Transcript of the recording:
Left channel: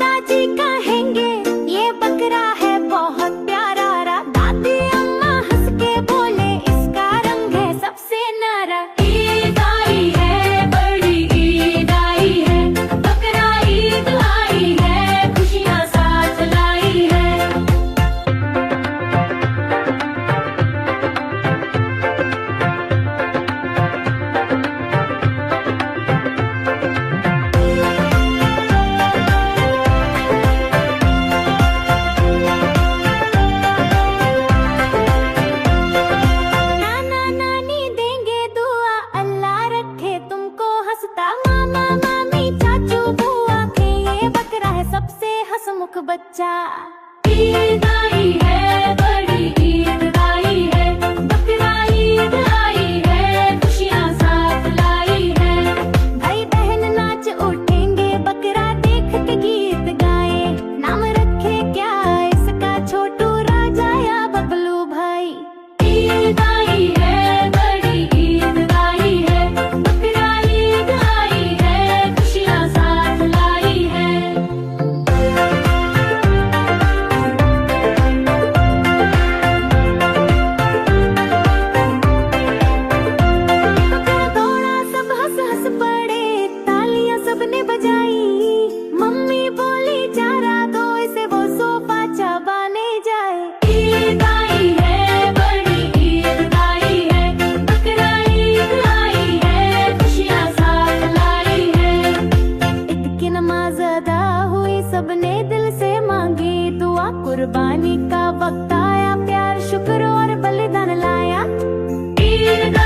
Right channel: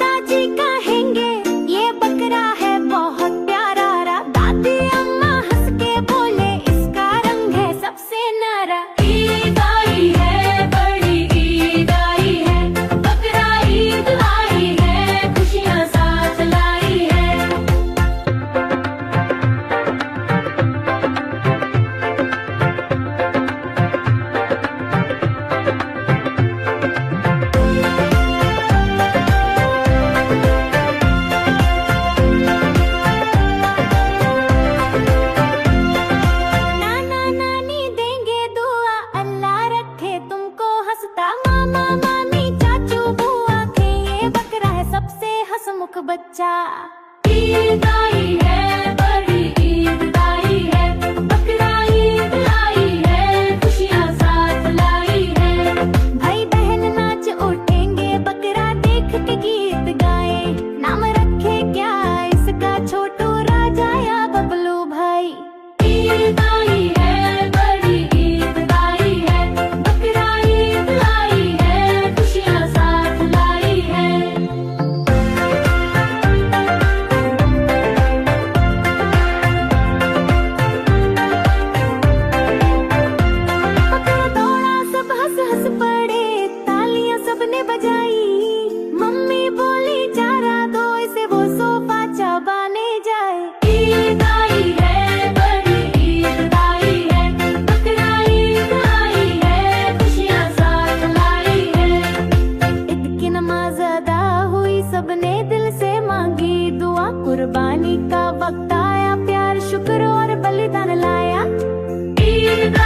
दादाजी कहेंगे ये बकरा है बहुत प्यारा। दादी अम्मा हंस के बोले इसका रंग है सबसे न्यारा। ईद आई है बड़ी ईद आई है, बकरा ईद लाई है, खुशियाँ साथ लाई है। मामा मामी चाचू बुआ के ये बकरा है सबसे हंसमुख बच्चा। ईद आई है बड़ी ईद आई है, बकरा ईद लाई है, खुशियाँ साथ लाई है। भाई बहन नाच उठेंगे बकरा देख के गीत गाए। नाम रखे क्या इसका छोटू राजा या बबलू भाई। ईद आई है बड़ी ईद आई है, बकरा ईद लाई है, खुशियाँ साथ लाई है। बकरा दौड़ा सब हंस हंस पड़े, तालियां सबने बजाई। मम्मी बोली चारा दो इसे वो सोफा चबाने जाए। ईद आई है बड़ी ईद आई है, बकरा ईद लाई है, खुशियाँ साथ लाई है। ईद की नमाज अदा हुई सबने दिल से मांगी दुआ। कुर्बानी का वक्त आया, प्यार शुक्र और बलिदान लाया। ईद